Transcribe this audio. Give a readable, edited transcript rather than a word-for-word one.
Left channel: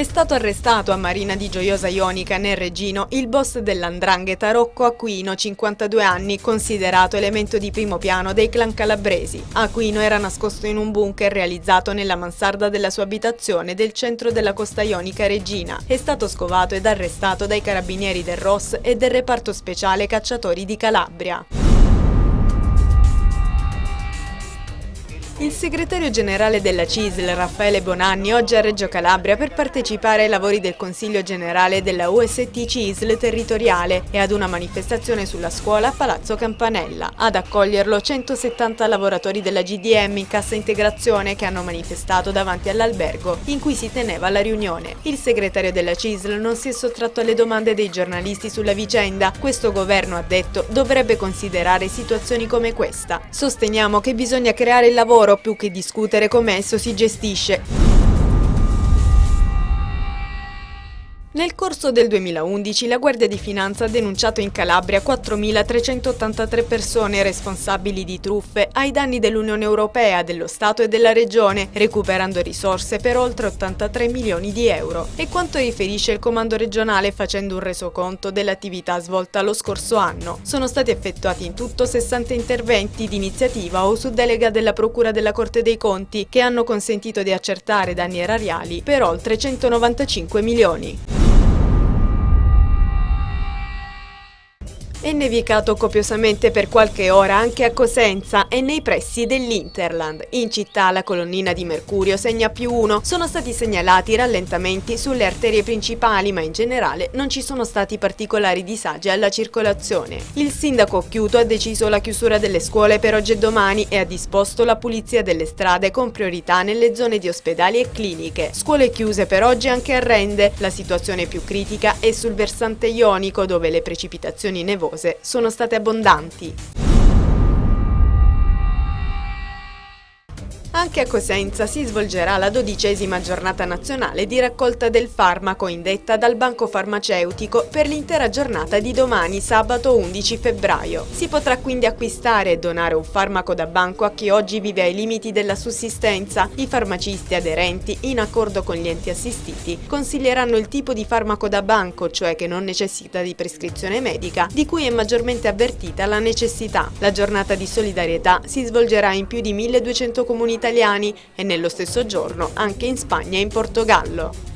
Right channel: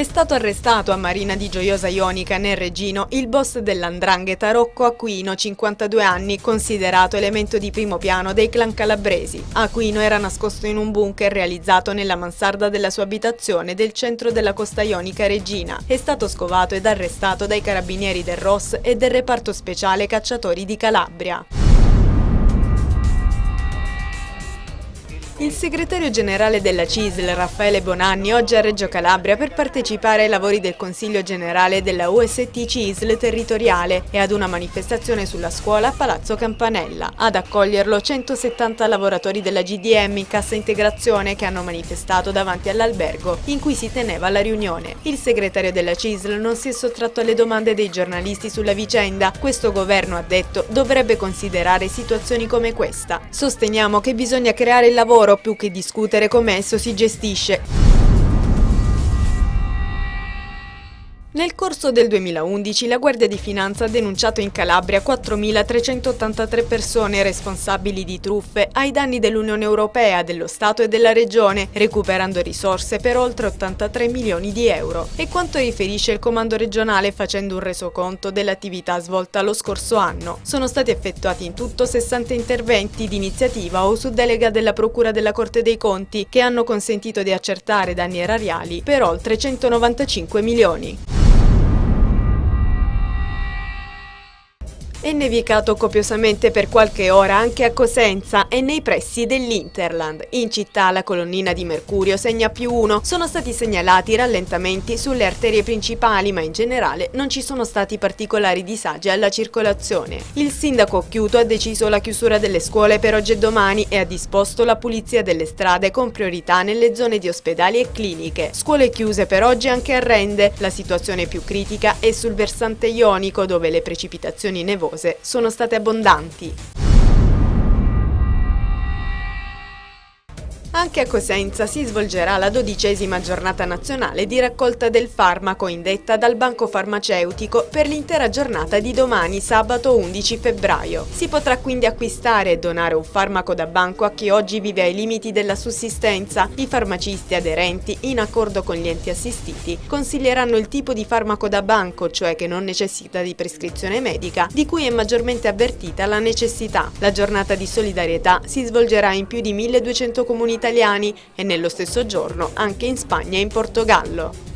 È stato arrestato a Marina di Gioiosa Ionica nel Regino il boss dell''ndrangheta Rocco Aquino, 52 anni, considerato elemento di primo piano dei clan calabresi. Aquino era nascosto in un bunker realizzato nella mansarda della sua abitazione del centro della costa ionica Regina. È stato scovato ed arrestato dai carabinieri del ROS e del reparto speciale cacciatori di Calabria. Il segretario generale della CISL, Raffaele Bonanni, oggi a Reggio Calabria per partecipare ai lavori del Consiglio generale della UST CISL territoriale e ad una manifestazione sulla scuola a Palazzo Campanella. Ad accoglierlo 170 lavoratori della GDM in cassa integrazione che hanno manifestato davanti all'albergo in cui si teneva la riunione. Il segretario della CISL non si è sottratto alle domande dei giornalisti sulla vicenda. Questo governo, ha detto, dovrebbe considerare situazioni come questa. Sosteniamo che bisogna creare il lavoro più che discutere come esso si gestisce. Nel corso del 2011 la Guardia di Finanza ha denunciato in Calabria 4.383 persone responsabili di truffe ai danni dell'Unione Europea, dello Stato e della Regione, recuperando risorse per oltre 83 milioni di euro. E quanto riferisce il Comando regionale facendo un resoconto dell'attività svolta lo scorso anno. Sono stati effettuati in tutto 60 interventi di iniziativa o su delega della Procura della Corte dei Conti che hanno consentito di accertare danni erariali per oltre 195 milioni. È nevicato copiosamente per qualche ora anche a Cosenza e nei pressi dell'Interland. In città la colonnina di mercurio segna +1. Sono stati segnalati rallentamenti sulle arterie principali, ma in generale non ci sono stati particolari disagi alla circolazione. Il sindaco Occhiuto ha deciso la chiusura delle scuole per oggi e domani e ha disposto la pulizia delle strade con priorità nelle zone di ospedali e cliniche. Scuole chiuse per oggi anche a Rende. La situazione più critica è sul versante ionico, dove le precipitazioni nevose sono state abbondanti. Anche a Cosenza si svolgerà la 12ª giornata nazionale di raccolta del farmaco indetta dal Banco Farmaceutico per l'intera giornata di domani, sabato 11 febbraio. Si potrà quindi acquistare e donare un farmaco da banco a chi oggi vive ai limiti della sussistenza. I farmacisti aderenti, in accordo con gli enti assistiti, consiglieranno il tipo di farmaco da banco, cioè che non necessita di prescrizione medica, di cui è maggiormente avvertita la necessità. La giornata di solidarietà si svolgerà in più di 1200 comuni italiani e nello stesso giorno anche in Spagna e in Portogallo.